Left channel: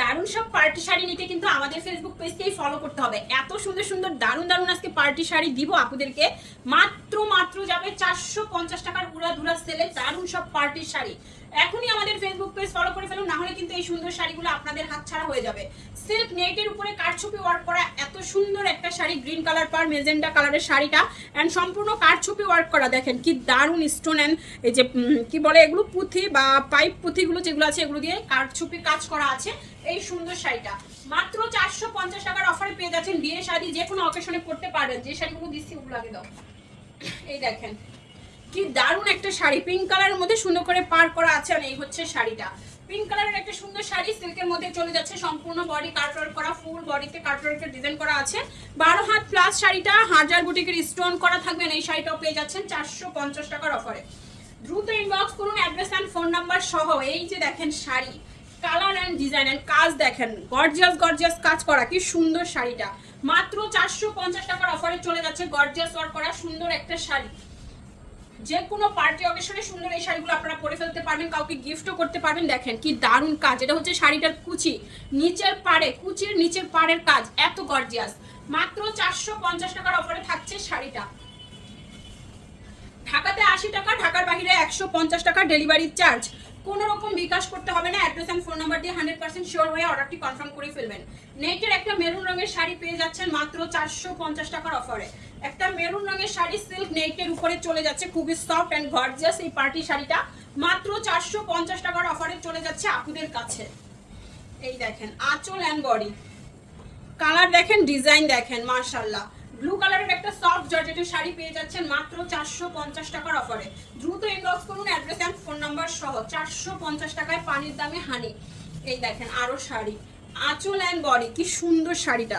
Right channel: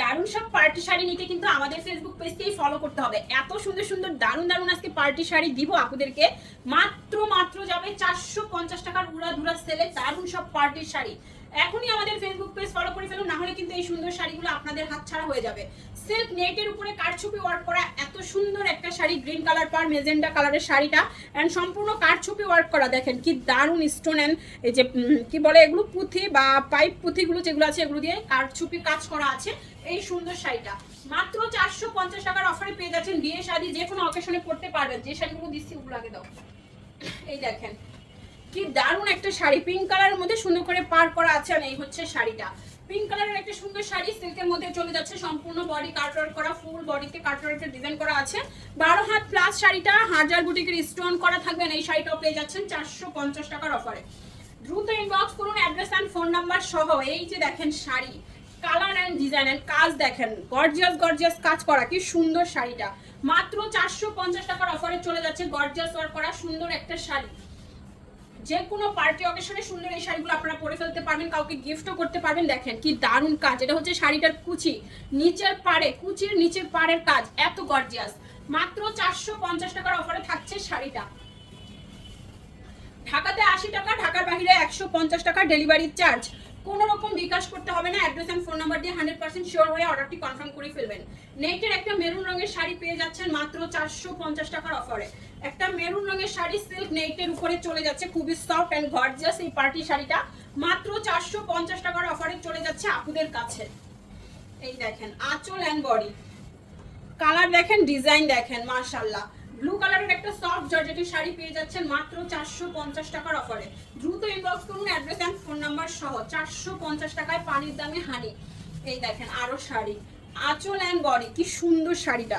দারুণ সব পার্টি শাড়ি নিতে কিন্তু আমাদের ফেসবুক পেজকেই ফলো করতে হবে। এত সুন্দর সুন্দর দারুণ দারুণ আজকে পার্টি শাড়ি দিব আপুদেরকে। মাত্র মাত্র যাবে চারশো পঞ্চাশ টাকার উড়া ধুরা সেলে দারুণ সব পার্টির শাড়ি। এখনই আমাদের ফেসবুক পেজ ফলো করে ফেলুন, না হলে কিন্তু এই সুন্দর শাড়িগুলো আপনাদের হাতছাড়া হয়ে যাবে। সিল্ক নেটের উপরে কারচুপি ওয়ার্ক করা এত সুন্দর একটা শাড়ি গ্রিন কালার পার মেজেন্ডা কালারের শাড়িটা অ্যান্ড সম্পূর্ণ কারচুপি ওয়ার্ক করা। দেখেন কি দারুণ স্টোন অ্যান্ড এই যে কি বলে এগুলো, পুঁথি বা পাইপ পুঁথিগুলো যেগুলো আছে, এগুলো দিয়ে কারচুপি কাজ করা আছে এই সুন্দর শাড়িটা। মাত্র চারশো পঞ্চাশ টাকার অফারে পেয়ে যাচ্ছেন বিয়ে শাড়ি যে কোনো অকেশনে পড়তে পারবেন। যে শাড়িগুলো দিচ্ছি, ওগুলো আগে দাও। এই দেখেন কি দারুণ একটা শাড়ি। পিঙ্ক কালারের মধ্যে সুন্দর করে পার করা আছে আর এই হচ্ছে শাড়িটা। পিঙ্ক কালারের একটা সুন্দর শাড়ি সিল্কের মধ্যে চলে যাচ্ছে সম্পূর্ণ বডি কাটওয়ার্ক করা ফুল বডিতে কাটওয়ার্কের ডিজাইন করা আছে। বারো হাত প্লাস শাড়িটা, হাজার বুটিকের স্টোন করা থাকবেন এই শাড়িটাও পেয়ে যাচ্ছেন চারশো পঞ্চাশ টাকার অফারে দ্রুত ইনবক্স করুন অ্যাড্রেস অ্যান্ড ফোন নাম্বার সহ এই যে দেখেন sari. Colour and design and কাজ দেখেন গর্জিয়াস গর্জিয়াস কাজ করা, কি সুন্দর শাড়িটা। মাত্র চারশো পঞ্চাশ টাকার অফারে চলে যাচ্ছে গর্জিয়াস ওয়ার্ক করা, সুন্দর একটা শাড়ি। যে কোনো পার্টি অকেশনে সুন্দর এই শাড়িগুলো আপনারা পরে ফেলতে পারবেন, কাউকে গিফটও করতে পারবেন। দেখেন কি দারুণ কাজ। এটা হচ্ছে শাড়িটার কুচি। নিচের পাড়ে, কুচির নিচের পাড়ের কাজ। এত গর্জিয়াস মাত্র চারশো পঞ্চাশ টাকার অফারে থাকছে শাড়িটা। ঢাকাতে আশি টাকা, ঢাকার বাইরে একশো পঞ্চাশ টাকা ডেলিভারি চার্জ কোনো রকম বিকাশ করতে হবে না। অ্যাড্রেস অ্যান্ড ফোন নাম্বার দিয়ে হান্ড্রেড পার্সেন্ট শিওর হয়ে অর্ডারটি কনফার্ম করে ফেলবেন। নেকের একটা মেরুন রঙের শাড়ি পেয়ে যাচ্ছেন মাত্র চারশো পঞ্চাশ টাকার অফারে মেরুন রঙের শাড়ি সিল্ক নেটের উপরে চলে যাচ্ছে, খুবই সফট অ্যান্ড গর্জিয়াস এই পার্টি শাড়িটা। মাত্র চারশো পঞ্চাশ টাকার অফারে চলে যাচ্ছে আপুদের কাছে। এই দেখেন, আঁচল অ্যান্ড বডি কালার দেখেন ডিজাইন দেখেন মার্শাল্লাহ ব্লু কালারের একটা সফট জর্জেটের শাড়ি পেয়ে যাচ্ছেন মাত্র চারশো পঞ্চাশ টাকার অফারে দ্রুত ইনবক্স করুন অ্যাড্রেস অ্যান্ড ফোন নাম্বার সহ। চারশো পঞ্চাশ টাকায় পানির দামে হানি এই দেখেন, আরও শাড়ি। আঁচল অ্যান্ড বডি কি সুন্দর শাড়িটা।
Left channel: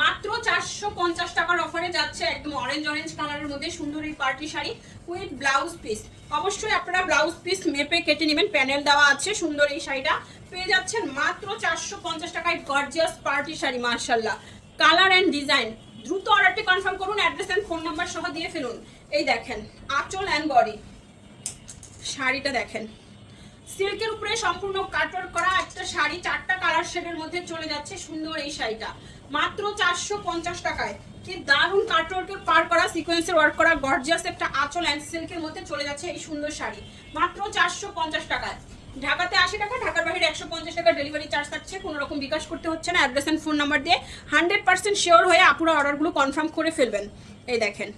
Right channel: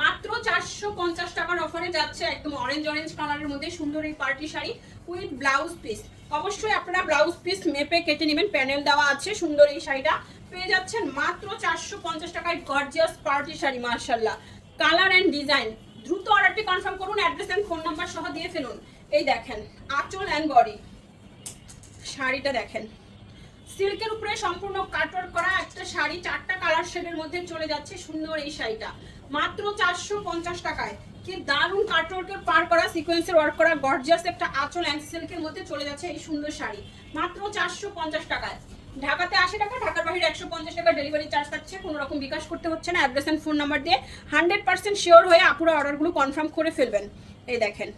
মাত্র চারশো পঞ্চাশ টাকার অফারে যাচ্ছে একদম অরেঞ্জ অরেঞ্জ কালারের মধ্যে সুন্দর এই party sari with blouse piece অবশ্যই আপনারা ব্লাউজ পিস মেপে কেটে নেবেন প্যানেল দেওয়া আছে সুন্দর এই শাড়িটা। পেয়ে যাচ্ছেন মাত্র চারশো পঞ্চাশ টাকায় গর্জিয়াস পার্টি শাড়ি মার্শাল্লাহ কালার অ্যান্ড ডিজাইন দ্রুত অর্ডারটি কনফার্ম করুন অ্যাড্রেস অ্যান্ড ফোন নাম্বার সহ দিয়ে ফেলুন। এই দেখেন, আঁচল অ্যান্ড বডি শাড়িটা দেখেন। সিল্কের উপরে সম্পূর্ণ কাটওয়ার্ক করা একটা শাড়ি, চারটা কালার শেডের মধ্যে চলে যাচ্ছে সুন্দর এই শাড়িটা। মাত্র চারশো পঞ্চাশ টাকায়। কি দারুণ কাটওয়ার্কের পার করা সিকোয়েন্সের ওয়ার্ক করা গর্জিয়াস একটা আঁচল অ্যান্ড সিল্কের মধ্যে চলে যাচ্ছে এই সুন্দর শাড়ি। মাত্র চারশো পঞ্চাশ টাকায়। ঢাকাতে আশি টাকা ঢাকার বাইরে একশো পঞ্চাশ টাকা ডেলিভারি চার্জ থাকছে, কোনো রকম বিকাশ করতে হচ্ছে না অ্যাড্রেস ফোন নাম্বার দিয়ে হান্ড্রেড পার্সেন্ট শিওর হয়ে আপুরা অর্ডারগুলো কনফার্ম করে ফেলবেন। এই দেখেন।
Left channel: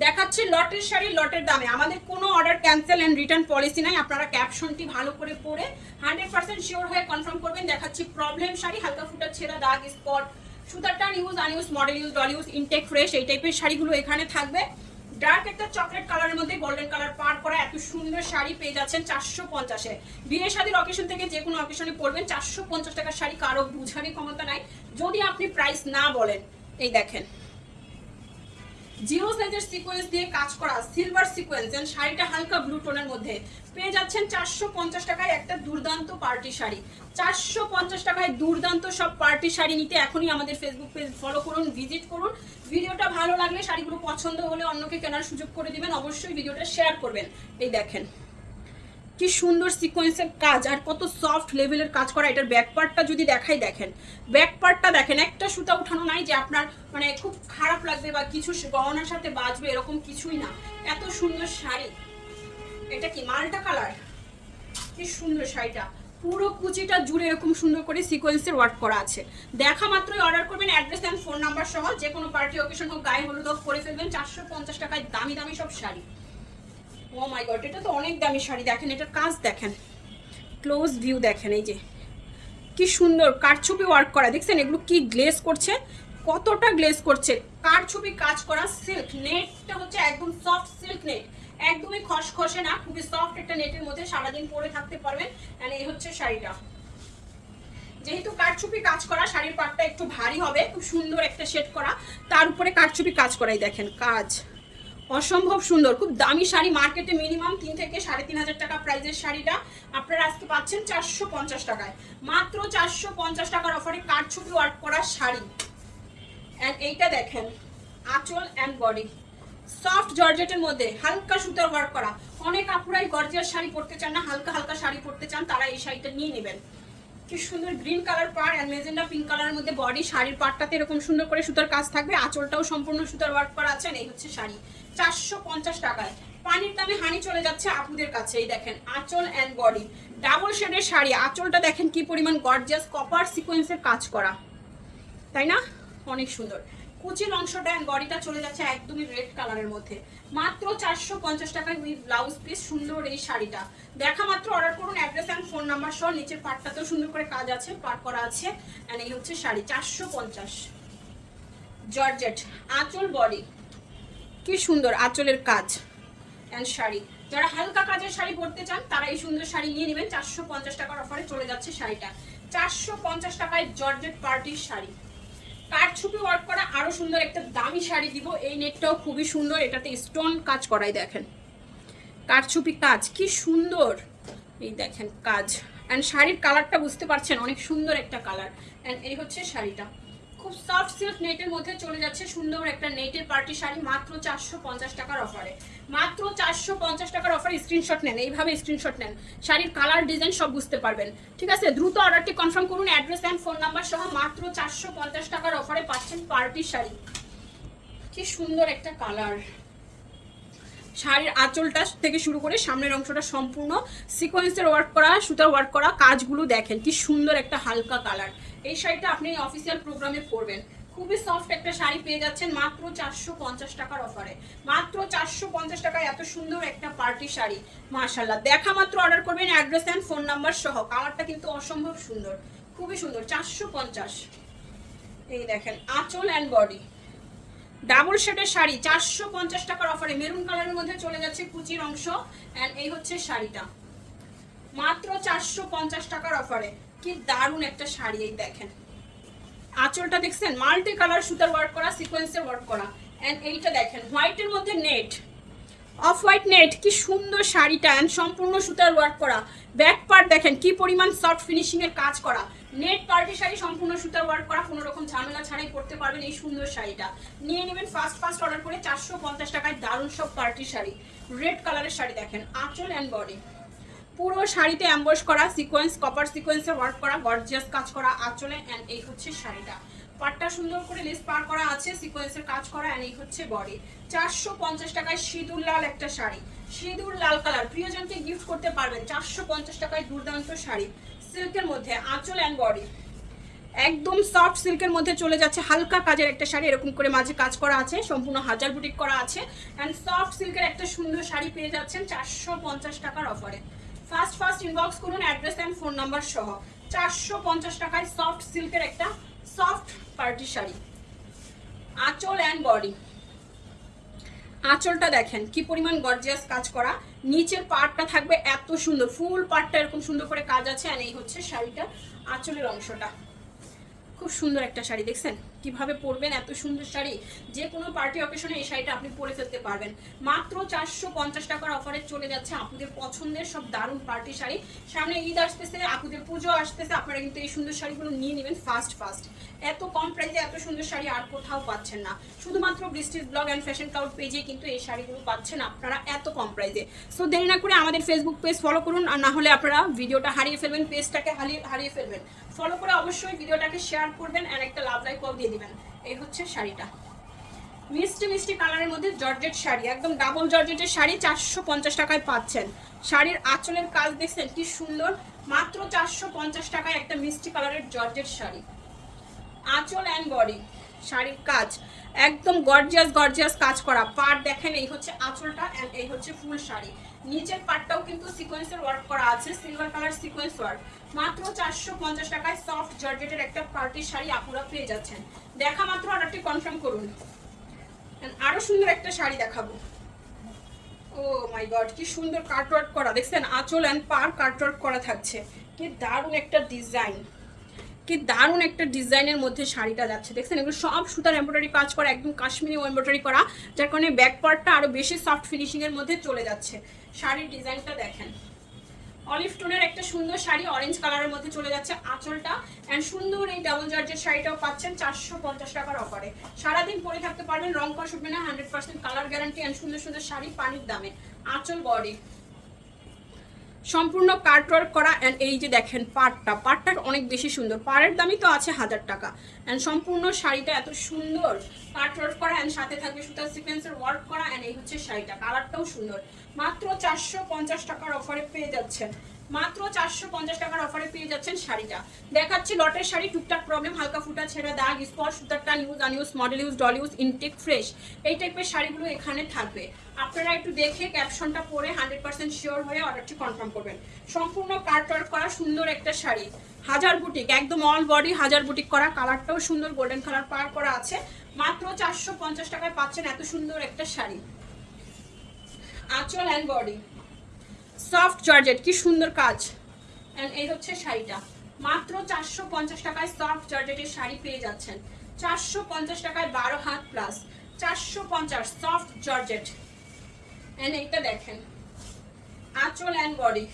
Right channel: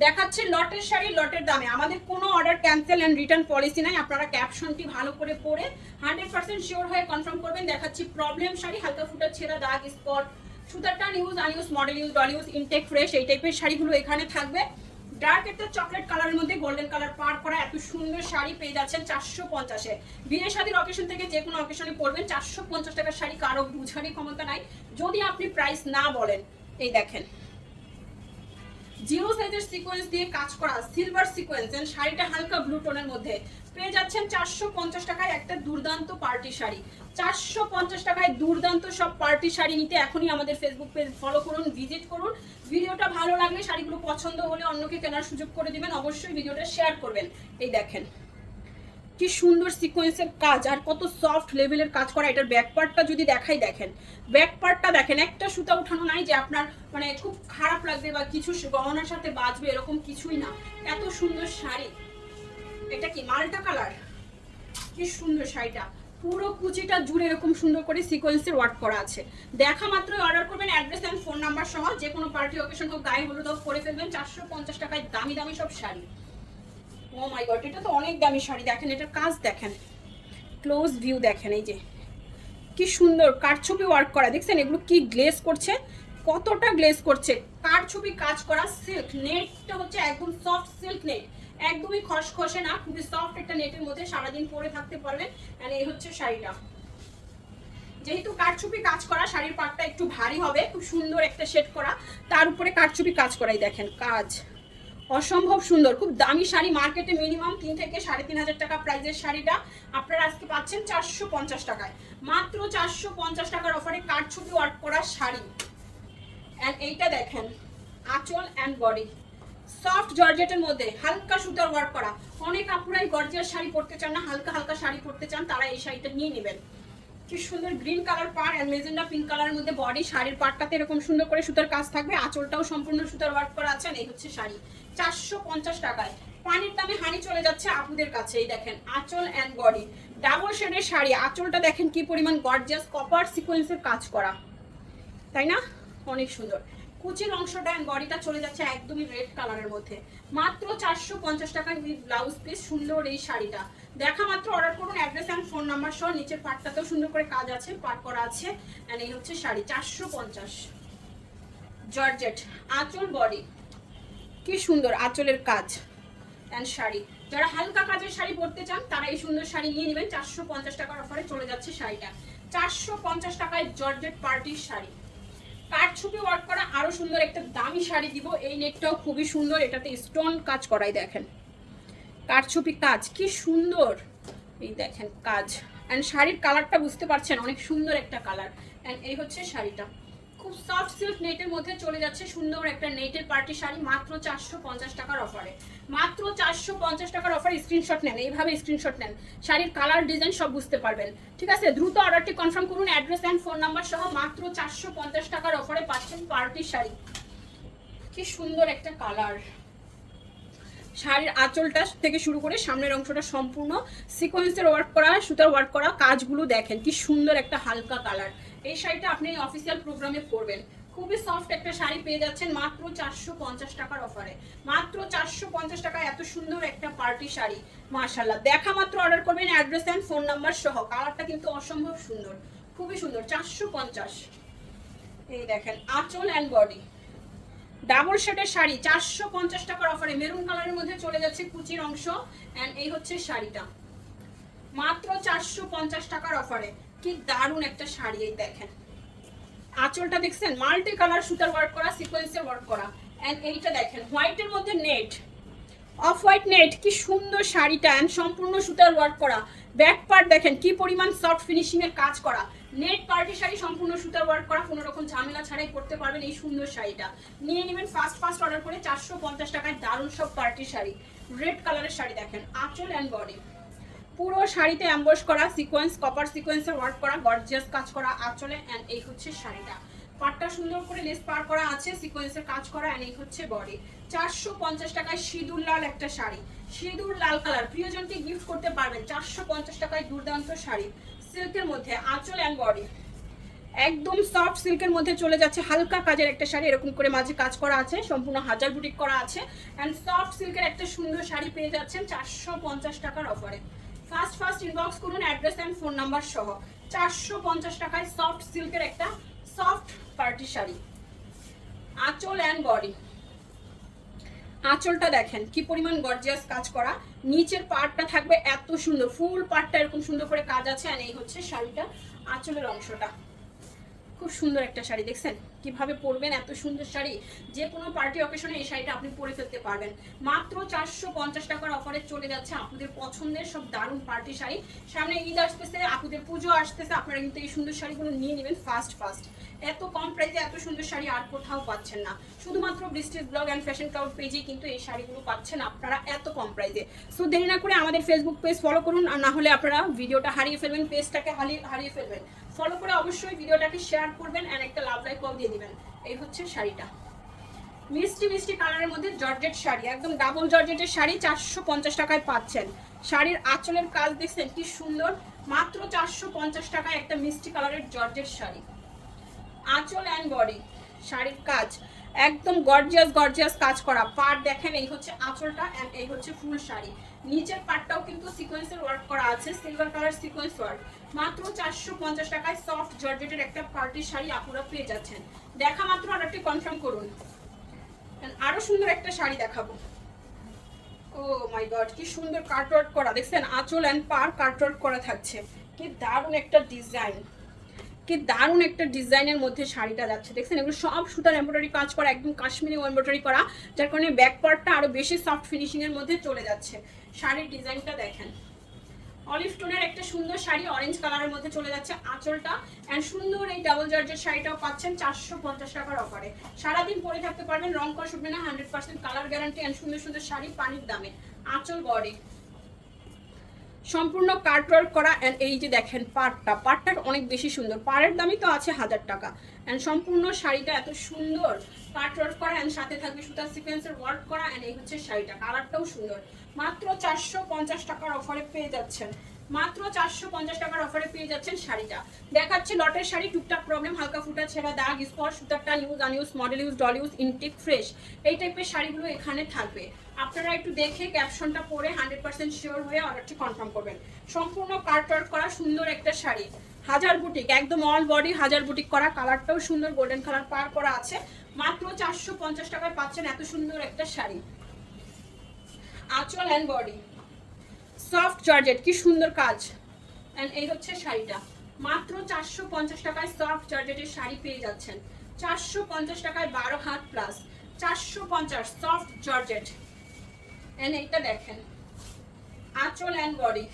দেখাচ্ছি লটের শাড়ি, লটের দামে। আমাদের কোনো order cancel and return policy নাই। আপনারা ক্যাপশনটি ভালো করে পড়ে হান্ড্রেড পার্সেন্ট শিওর হয়ে কনফার্ম করবেন। দেখাচ্ছি প্রবলেম শাড়ি, হালকা ফুটা ছেঁড়া দাগ স্পট সুতার টান use unuse model use doll use intact fresh এই টাইপের শাড়িগুলো এখানে থাকবে। ডার্ক একটা চকলেট কালারের মধ্যে গোল্ডেন কালার পার করা এত সুন্দর শাড়ি পেয়ে যাচ্ছেন চারশো পঞ্চাশে। বিয়ে শাড়ির অকেশন থেকে যে কোনো অকেশনে পড়বেন চারশো পঞ্চাশ টাকার শাড়ি কারও বুঝারই ক্ষমতা নাই। যদি আপনি প্রাইস না বলেন, এই দেখেন। জিরো সাইজের সিকোয়েন্স দিয়ে কাজ করা সিলভার সিকোয়েন্স এন্ড শাড়িটা হালকা ব্লু টোনের মধ্যে। পেয়ে যাচ্ছেন চারশো পঞ্চাশ টাকায় একটা দুর্দান্ত পার্টি শাড়ি। চারশো পঞ্চাশ টাকায় দুর্দান্ত সব পার্টি শাড়ি নিতে এখনই আমাদের ফেসবুক পেজ ফলো করুন ভিজিট করুন। ভিডিওটা ভালো লাগলে শাড়িগুলো পছন্দ হলে অন্যকে কেনার সুযোগ করে দিবেন। অবশ্যই ভিডিওটা শেয়ার করবেন। এই দেখেন। কি সুন্দর সিকোয়েন্সের কাজ আর কত সফট লেভেলের কাজ করা, এটার ব্যাক পার্টটা যদি দেখাই, দেখেন। ব্যাক পার্টটা দেখেন, একটা সুতা উঠানো নাই যে আপনার মানে খুব খারাপ লাগবে বা কিছু গহনার সাথে বাজবে, এরকম কিছুই না। এত সুন্দর শাড়ি। এটা কি মালটা কালার? কি সুন্দর শাড়িটা। পুরো কুচিটা জুড়ে এরকম সুন্দর করে সিকোয়েন্সের ওয়ার্ক করা আছে। দেখা মাত্রই অর্ডার করবেন অ্যাড্রেস অ্যান্ড ফোন নাম্বার সহ যে কোনো পার্টি অকেশন হোক, গায়ে হলুদ হোক করে ফেলবেন, চারশো পঞ্চাশ টাকায় দামি দামি সব শাড়ি। ও মাই গড এটা তো অনেক দামি শাড়ি, দেখেন, এটার কাজ দেখেন। ক্লোজ ভিউ দেখেন, এই যে। কি সুন্দর কারছবি ওয়ার্ক করা, দেখছেন, এগুলো কি গ্লেজ করছে? কতটা গ্লেজ করছে? কারছবি কাজ করা? সিল্ক নেটটা হচ্ছে একদম সফট সিল্ক নেট একদমই খসখসে না, খুবই সফট একটা নেটের মধ্যে সারাদিন পরে থাকতে পারবেন। and এই হচ্ছে শাড়িটা। যেহেতু কারচুপি কাজ করা, শাড়ির পাটটা একটু ভারী হবে, খুব সুন্দর একটা শেড করা, তার উপরে কারচুপি কাজ করাই দেখেন, কাজ। অসম্ভব সুন্দর, খুব দামি শাড়ি মার্কেটে মিনিমাম তিন থেকে সাড়ে তিন হাজার টাকা প্রাইসের শাড়িটা। আপনারা আজকে পাচ্ছেন চারশো পঞ্চাশ টাকায়। মাত্র চারশো পঞ্চাশ টাকার অফারে কারচুপি ওয়ার্ক করা শাড়ি। এইটা দেখেন, আঁচল অ্যান্ড বডি সফট জর্জেটের মধ্যে হালকা সুতার ওয়ার্ক করা। অনেক আপুরাই গর্জিয়াস শাড়ি পরতে চান না, হালকা হালকা শাড়ি পরতে চান, তারা এই শাড়িটা নিয়ে নেবেন। কি সুন্দর গ্রিন কালার পার অ্যান্ড মেজেন্ডা পিঙ্ক কালারের মধ্যে বডি শাড়ির পাটটাতে এরকম সুন্দর করে সুতার কাজ থাকবে। আঁচলটাও সম্পূর্ণ সুতার ওয়ার্ক করা আছে এই হচ্ছে শাড়ি। চারশো পঞ্চাশ টাকায়। পানির দামে হানি চলে যাচ্ছে আপুদের কাছে, এই দেখেন, আঁচল অ্যান্ড বডি ডাবল শেডের শাড়ি, আঁচলটা দেখেন কি পরিমাণ গর্জিয়াস কপার সিকোয়েন্সের কাজ করা। তাই না? অনেক সুন্দর। কুচির অংশটা অ্যান্ড বডিটা চলে যাচ্ছে একদমই রেড কালারের মধ্যে। মাত্র চারশো পঞ্চাশ টাকায় উইথ ব্লাউজ পিস সুন্দর এই শাড়িটা। দেখা মাত্র অর্ডার করুন অ্যাড্রেস অ্যান্ড ফোন নাম্বার সহ নিচের পাটটাতেও সুন্দর করে কাজ আছে, পাট করা আছে অ্যান্ড এই হচ্ছে শাড়ি, চারশো পঞ্চাশ। জর্জেট আঁচল বডি কি সুন্দর আঁচলের কাজ। অ্যান্ড শাড়ি। যারা হালকা কাজের শাড়ি পরতে চান, তারা এই সুন্দর শাড়ি নিয়ে নেবেন। চারশো পঞ্চাশ টাকার অফারে চলে যাচ্ছে শাড়িটা। চারশো পঞ্চাশ টাকায় জর্জেট পার্টির শাড়ি। কাঠ ছুপি ওয়ার্ক করা আরও সুন্দর একটা দামি শাড়ি দিব। এই নেটটাও খুবই সুন্দর। এটাতে স্টোন কাজ করাই দেখেন। কাঠছুপি কাজ। কি সুন্দর। এই দেখেন কাজ। অ্যান্ড শাড়ির কালারটা বুঝতে পারছেন, অনেক সুন্দর একটা কালার অ্যান্ড এই হচ্ছে শাড়িটা। খুব সফট সিল্ক নেটের মধ্যে চলে যাচ্ছে সুন্দর একটা নেটের পার্টি শাড়ি, মাত্র চারশো পঞ্চাশ টাকার অফারে মাত্র চারশো পঞ্চাশ টাকার অফারে স্ক্রিনশট নেন, এইভাবে স্ক্রিনশট নেন। শাড়ির কালার ডিজাইন সব বুঝতে পারবেন। ঠিক আছে? দ্রুত অর্ডারটি কনফার্ম করুন অ্যাড্রেস অ্যান্ড ফোন নাম্বার সহ মাত্র চারশো পঞ্চাশ টাকার অফারে পাচ্ছেন পার্টি শাড়ি। কি সুন্দর একটা কালার শাড়ির আঁচলটা থেকে শুরু করে সামনের অংশটা সম্পূর্ণ। সিকোয়েন্সের ওয়ার্ক করা, সুতার ওয়ার্ক করা কাজগুলো দেখেন, কি সুন্দর একটা হালকা কালার এই শাড়িটা আপনি অফিসিয়াল প্রোগ্রামে পরবেন। খুবই সফট একটা শাড়ি পেয়ে যাচ্ছেন মাত্র চারশো পঞ্চাশ টাকার অফারে মাত্র চারশো পঞ্চাশ টাকায় এত সুন্দর একটা পার্টি শাড়ি মাশাল্লাহ দেখা মাত্র অর্ডার করবেন অ্যাড্রেস অ্যান্ড ফোন নাম্বার সহ। কালারটা কিন্তু অসম্ভব সুন্দর, খুবই সুন্দর, চারশো পঞ্চাশ। এই দেখেন, আঁচল অ্যান্ড বডি ডাবল শেডের শাড়ি, চারশো পঞ্চাশ টাকার অফারে মেরুন কালারের মধ্যে চলে যাচ্ছে কুচির অংশ। অ্যান্ড এই হচ্ছে শাড়িটা। মাত্র চারশো পঞ্চাশ টাকার অফারে কি দারুণ একটা শাড়ি এই দেখেন। আঁচলটা দেখছেন? মাল্টি কালার সুতার ওয়ার্ক করা সিকোয়েন্সের ওয়ার্ক করা। অ্যান্ড এইটা দেখেন হোয়াইটের মধ্যে নেট অফ হোয়াইট নেট কি সুন্দর শাড়িটা অ্যান্ড সম্পূর্ণ সুতার ওয়ার্ক করা। ব্যাক পার্ট দেখেন, কি পরিমাণ সফট ফিনিশিং এর কাজ করা। নেট পার্টি শাড়ি সম্পূর্ণ সুতার ওয়ার্ক করা, কোনো রকম ঝামেলা ছাড়াই পড়তে পারবেন এই সুন্দর শাড়িটা। নিয়ে নেবেন ফার্স্ট ফার্স্ট অর্ডার করে, চারশো পঞ্চাশ টাকায় দারুণ সব পার্টি শাড়ি। রেড কালারের শাড়ি দেখেন, আঁচল অ্যান্ড বডি পুরো শাড়িতে অ্যাম্বস করা সিকোয়েন্স কপার সিকোয়েন্সে ওয়ার্ক করা গর্জিয়াস কাজ করা, আঁচলে অ্যান্ড এই হচ্ছে শাড়িটা। পাটটা সুন্দর করে লেস পার করা আছে সিকোয়েন্সের কাজ করা অ্যান্ড এই হচ্ছে বডি চারশো পঞ্চাশ টাকায় সিঁদুর লাল একটা শাড়ি। সিঁদুর লাল কালার প্রিয়জনকে গিফট করতে পারবেন চারশো পঞ্চাশ টাকায় দুর্দান্ত শাড়ি। সিল্কের মধ্যে আঁচল অ্যান্ড বডি একদম সফট সিল্কের মধ্যে চলে যাচ্ছে, হালকা কাজের একটা শাড়ি, এরকম করে মাঝে কাজ করা আছে, সম্পূর্ণ হাজার বুটিক করা আছে। অ্যান্ড সফট সিল্কের একটা সুন্দর শাড়ি পেয়ে যাচ্ছেন চারশো পঞ্চাশ টাকার অফারে ফার্স্ট ফার্স্ট ইনবক্স করুন অ্যাড্রেস অ্যান্ড ফোন নাম্বার সহ। চারশো পঞ্চাশ টাকায় সফট সিল্কের একটা সফট পার্টি শাড়ি। আঁচল অ্যান্ড বডি আঁচলটা দেখেন, কি পরিমাণ গর্জিয়াস কাজ করা। নিচের পার্টটা থাকবে এত সুন্দর ফুল পার্টটা এরকম সুন্দর করে কাজ আছে আর এই হচ্ছে শাড়িটা আঁচলের অংশটা। খুব সুন্দর একটা শাড়ি, দেখছেন? কীভাবে পরবেন, এত সুন্দর শাড়ি, যে কোনো পার্টি অকেশনে এই শাড়িটা আপনি পরে ফেলতে পারবেন। মাত্র চারশো পঞ্চাশ টাকার অফারে চলে যাচ্ছে আপুদের পছন্দের সব দারুণ পার্টি শাড়ি। সামনে ঈদ আসতেছে, আপুদের পুজো আসতেছে, আপনারা কিন্তু এই সুন্দর শাড়িগুলো নিয়ে নেবেন ফার্স্ট ফার্স্ট এত কম প্রাইসে এত সুন্দর শাড়ি আর কোথাও পাচ্ছেন না। শুধুমাত্র বৃষ্টির ব্লগ অ্যান্ড ফ্যাশন ক্লাউড পেজে কিন্তু এই শাড়িগুলো পাচ্ছেন আপনারা এত কম প্রাইসে সো দেরি না করে আমাদের ফেসবুক পেজ ফলো করুন, আর না হলে আপনারা ভিডিওটা হারিয়ে ফেলবেন পেজটাকে হারিয়ে হারিয়ে ফেলবেন। ফলো করে অবশ্যই ভিডিওটাকে শেয়ার করবেন আর একটা লাভ লাইক কল দিয়ে দিবেন। এই হচ্ছে শাড়িটা। মিষ্টি মিষ্টি কালারের মধ্যে জর্জেট শাড়ি, একদম ডাবল জর্জেটের শাড়ি, চারশো পঞ্চাশ টাকায় পাচ্ছেন। শাড়ির আঁচলের কাজ দেখছেন কি সুন্দর। মাত্র চারশো পঞ্চাশ টাকায় একটা মিষ্টি কালারের জর্জেট শাড়ি। আঁচল অ্যান্ড বডি শাড়ির কাজ। একদম গর্জিয়াস গর্জিয়াস কাজ করা। পার্ট দেখেন, এই হচ্ছে আঁচলটা অ্যান্ড এই হচ্ছে ফুল শাড়ি। নিচের পার্টটাও কিন্তু সিকোয়েন্সের ওয়ার্ক করা আছে সিলভার কালার সিকোয়েন্স ওয়ার্ক মাত্র চারশো পঞ্চাশ টাকায় সফট জর্জেটের একটা পার্টির শাড়ি আপুরা পেয়ে যাচ্ছেন। দেখা মাত্র অর্ডারটি কনফার্ম করুন। আরও সুন্দর একটা শাড়ি দেখাবো। ও মাই গড কি সুন্দর কাটওয়ার্ক করা। দেখছেন, আঁচল অ্যান্ড পার কাটওয়ার্ক করা থাকছে। কি দারুণ একটা ডিজাইন কি দারুণ একটা ডিজাইনের মধ্যে শাড়িটা যাচ্ছে। দেখছেন, এগুলো সব সুতার এমব্রয়ডারি কাজ করা, একদম কাশ্মীরি এমব্রয়ডারি করা, যার কারণে ব্যাক পার্টটা আরও বেশি সফট ফিনিশিং এর মধ্যে চলে যাচ্ছে। শাড়ির ডিজাইনটা দেখেন। অলিভ টোনের একটা সুন্দর শাড়ি অরেঞ্জ কালারের মধ্যে চলে যাচ্ছে আঁচলটা। অ্যান্ড সুন্দর এই ডাবল জার্জের শাড়িটাও পাচ্ছেন চারশো পঞ্চাশ টাকার অফারে সারাদিন পরে থাকতে পারবেন, রং করা শুটবে না hundred percent colour guarantee and সুন্দর সুন্দর শাড়ি পানির দামে। আঁচল বডি। সম্পূর্ণ কাটওয়ার্ক করা অ্যান্ড এই যে দেখেন পাটটা পাড়টা অনেক বেশি সুন্দর। পাড়ের দামই তো আছে হাজার টাকা। অ্যান্ড সম্পূর্ণ শাড়িটা এত সুন্দর। কাটওয়ার্ক করা অ্যান্ড সাথে থাকবে সুতার সিকোয়েন্সের ওয়ার্ক করা অ্যান্ড এই হচ্ছে শাড়িটা। কালারটাও সুন্দর। মাত্র চারশো পঞ্চাশ টাকার অফারে পেয়ে যাচ্ছেন। মাত্র চারশো পঞ্চাশ টাকার অফারে পেয়ে যাচ্ছেন শাড়িটা। দেখাচ্ছি লটের শাড়ি, টুকটাক প্রবলেম হালকা ফুটা ছেঁড়া দাগ, spot, সুতারটা news unused model use doll use intact fresh এই টাইপের শাড়িগুলো এখানে থাকবে। আপনারা একটু দেখে ক্যাপশনটা পরে হান্ড্রেড পার্সেন্ট শিওর হয়ে অর্ডারটি কনফার্ম করবেন। সম্পূর্ণ ওয়ার্ক করা সুন্দর একটা শাড়ি। হাজার বুটিক একদম অল বডি হাজার বুটিক করা কালারটাও সুন্দর গোল্ডেন কালার পার করা আছে। মাত্র চারশো পঞ্চাশ টাকায় পাচ্ছেন এত সুন্দর একটা শাড়ি। আঁচল অ্যান্ড বডি সফট জর্জেট কি সুন্দর কাজ। এই হচ্ছে শাড়িটা। মাত্র চারশো পঞ্চাশ টাকায় সফট জর্জেটের শাড়ি পেয়ে যাচ্ছেন। চারশো পঞ্চাশ টাকায় বারো হাত প্লাস চারশো পঞ্চাশ সফট জর্জেট অ্যান্ড এইটা দেখেন। আঁচল অ্যান্ড বডি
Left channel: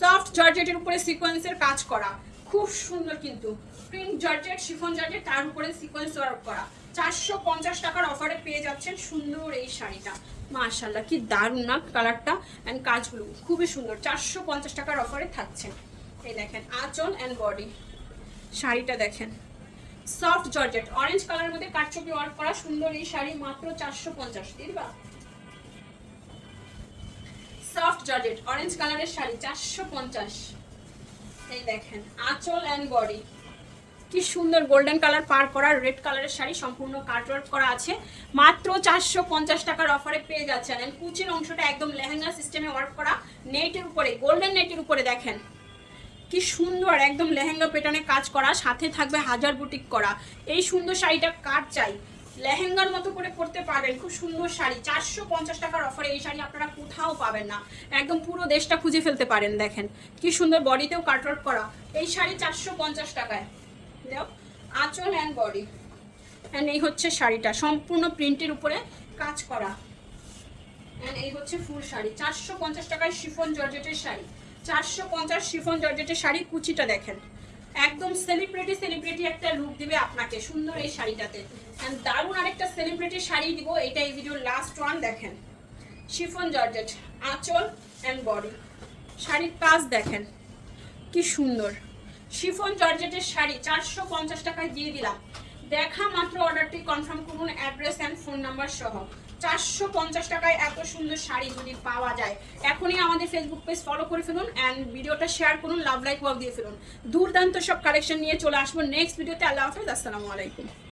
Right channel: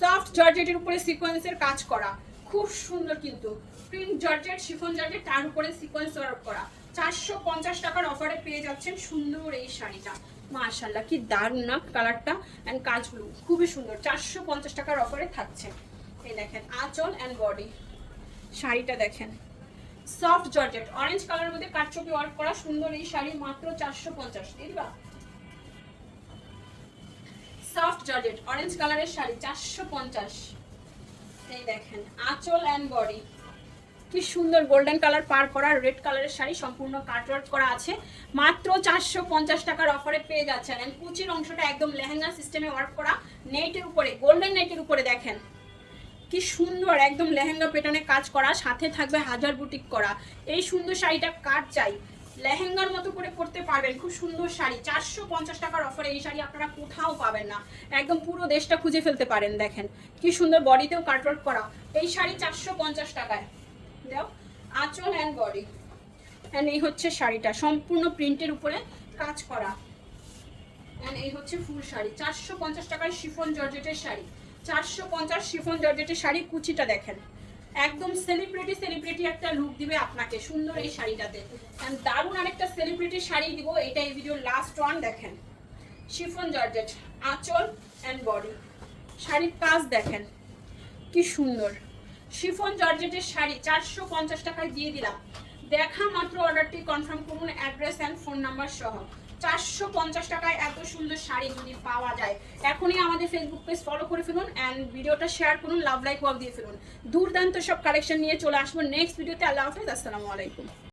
সফট জর্জেটের উপরে সিকোয়েন্সের কাজ করা। খুব সুন্দর কিন্তু। প্রিন্ট জর্জেট শিফন জর্জেট তার উপরে সিকোয়েন্স ওয়ার্ক করা। চারশো পঞ্চাশ টাকার অফারে পেয়ে যাচ্ছেন সুন্দর এই শাড়িটা। মাশাল্লাহ কি দারুণ না কালারটা অ্যান্ড কাজগুলো খুবই সুন্দর। চারশো পঞ্চাশ টাকার অফারে থাকছে। এই দেখেন, আঁচল অ্যান্ড বডি শাড়িটা দেখেন। সফট জর্জেট অরেঞ্জ কালারের মধ্যে কাটছবি ওয়ার্ক করা সুন্দর এই শাড়ি মাত্র চারশো পঞ্চাশ দিবা সফট জর্জেট অরেঞ্জ কালারের শাড়ি চারশো পঞ্চাশ। এই দেখেন, আঁচল অ্যান্ড বডি কি সুন্দর গোল্ডেন কালার পার করা রেড কালারের শাড়ি সম্পূর্ণ কাটওয়ার্ক করা আছে। মাত্র চারশো পঞ্চাশ টাকার অফারে পেয়ে যাচ্ছেন। And কুচির অংশটা একদম লেহেঙ্গা সিস্টেমে ওয়ার্ক করা নেটের উপরে গোল্ডেন নেটের উপরে দেখেন। কি সুন্দর, একদম লেহেঙ্গা পেটনে কাজ করা, সাথে থাকবে হাজার বুটিক করা। এই সুন্দর শাড়িটা কার চাই? লেহেঙ্গার মতো করে পরতে পারবেন, খুব সুন্দর শাড়ি। চারশো পঞ্চাশ টাকার অফারে এই শাড়ি আপনারা কোথাও পাবেন না। একদম পুরো দেশটা খুঁজে ফেলতে পারেন, দেখেন। কি সুন্দর বডিতেও কাটওয়ার্ক করা। এই শাড়ি চারশো পঞ্চাশ টাকায়। আঁচল অ্যান্ড বডি অ্যান্ড এই হচ্ছে শাড়িটা। সম্পূর্ণ প্রিন্টের উপরে কাজ করা। অ্যান্ড এই হচ্ছে ফুল শাড়ি। চারশো পঞ্চাশ টাকায় শিফন জর্জেটের শাড়ি। চারশো পঞ্চাশ শিফন জর্জেটের শাড়ি কুচিটা দেখেন। একদম সেলিব্রিটি সেলিব্রিটি একটা লুক দিবে আপনাকে। সুন্দর এই শাড়িটাতে। অ্যান্ড দারুণ আরেকটা সেলিব্রিটি শাড়ি দিব। এটা এই ভিডিওর লাস্ট ওয়ান দেখেন। Chiffon georgette. আঁচল অ্যান্ড বডি শাড়ির কাজ দেখেন। কি সুন্দর। শিফন জর্জেটের শাড়ি চারশো পঞ্চাশ টাকায় দিয়ে দিলাম। দেখা মাত্র অর্ডারটি কনফার্ম করুন অ্যাড্রেস অ্যান্ড ফোন নাম্বার সহ। চারশো পঞ্চাশ টাকায় এত সুন্দর শাড়ি যদি পাওয়া যায়, এখনই আমাদের ফেসবুক পেজ ফলো করে ফেলুন অ্যান্ড ভিডিওটা শেয়ার করুন লাভ লাইক ওয়াক দিয়ে ফেলুন। দুর্দান্ত সব কালেকশন নিয়ে চলে আসব নেক্সট ভিডিওতে আল্লাহ হাফেজ, আসসালামু আলাইকুম।